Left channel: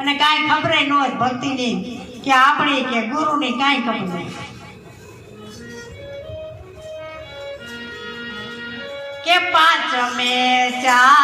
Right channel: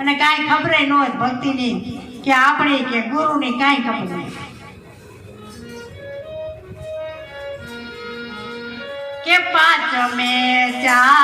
અને કાંઈ ખબર ન હોય ભક્તિની કે આપણી કે ગુરુની કાંઈ ખબર નહીં. કે પાંચ મે ચાર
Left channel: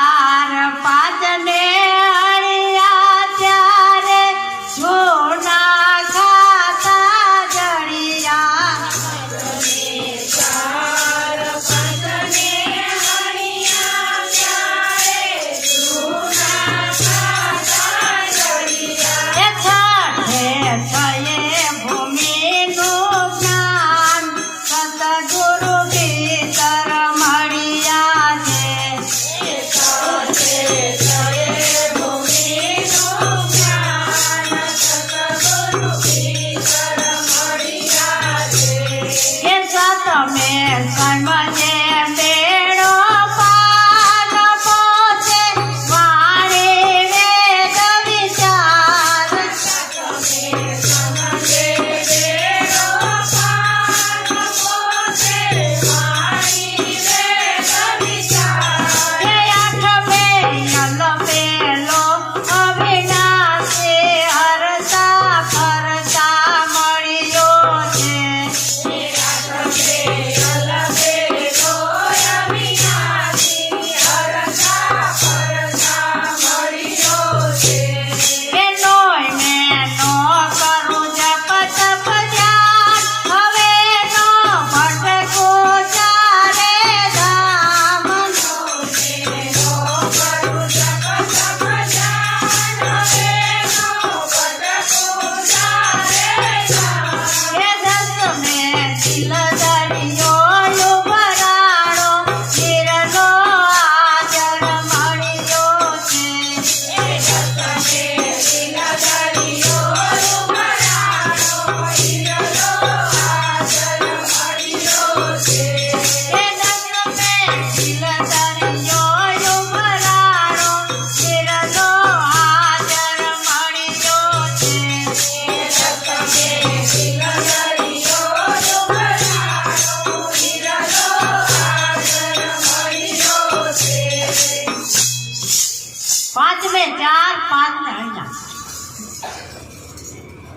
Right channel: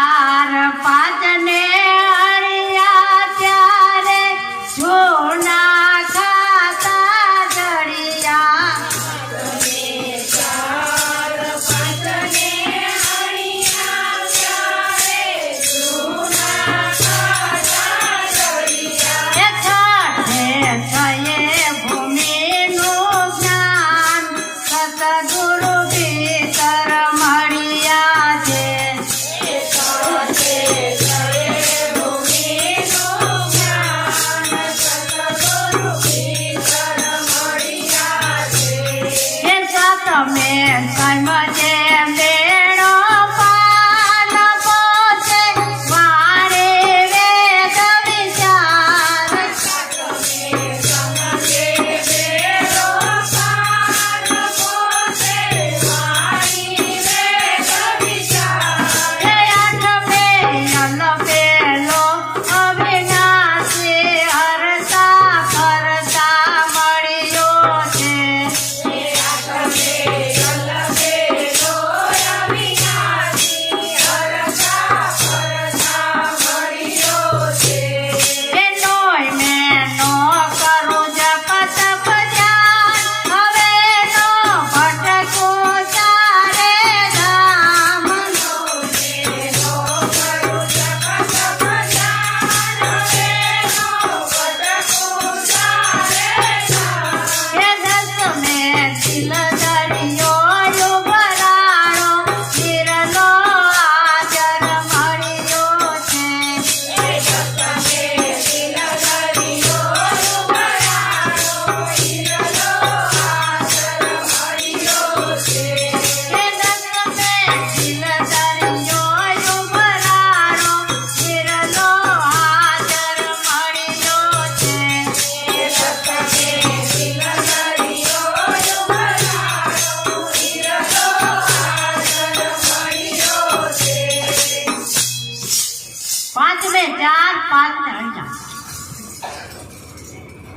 ને ચાર, પાંચ ને અહીંયા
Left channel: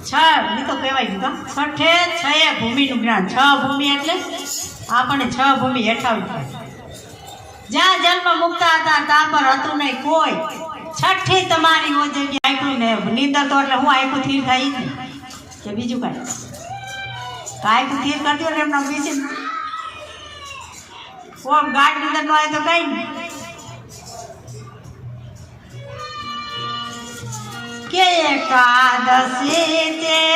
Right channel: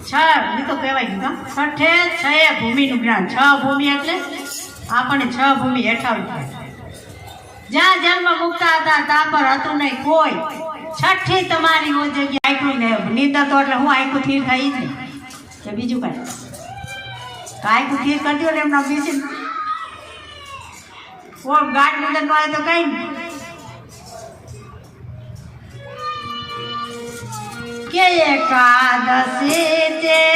છ, એ તો કહેવાય ગયું છઠે છ ભૂમિનું જ્ઞાન. છ ભૂમિ એટલે આપણને છ ભૂમિ હેઠળ થાય. જ્યાં જન્મ મુકતા હતા, ત્યાં પર હતું નહીં કોઈ. છઠ્ઠી તમારી ઓ જગ્યા આંખું ને નિંદર તો એટલે હું આંખું થીર નહીં જ કે બીજું કાંઈ? તો આંખું થીર કરજો ને એમના બીજું. કોણ ગાઢ નિંદર ન હોય તો કઈ નહીં. એકાદશી ચેતન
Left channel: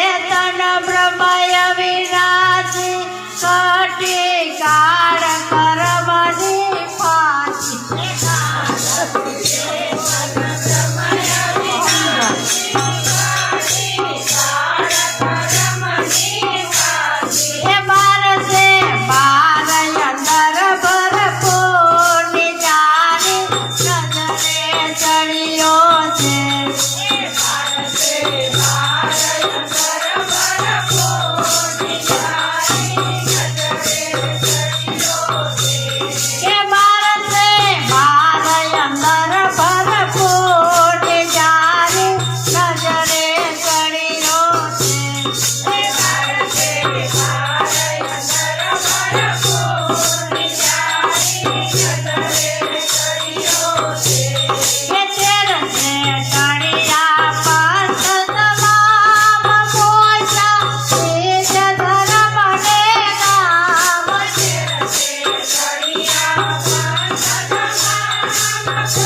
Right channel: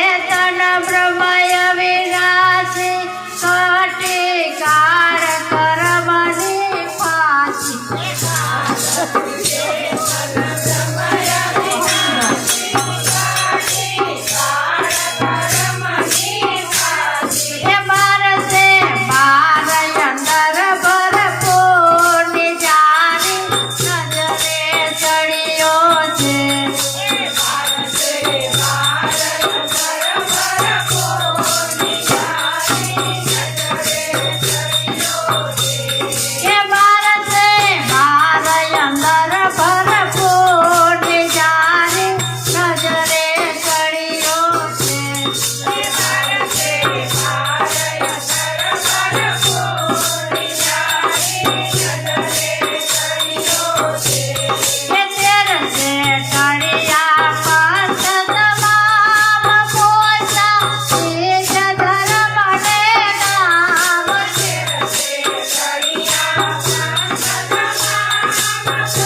Yes.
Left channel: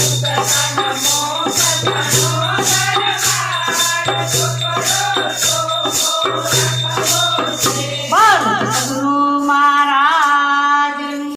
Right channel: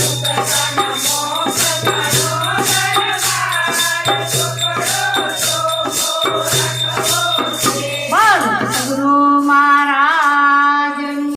Superman, I'm on.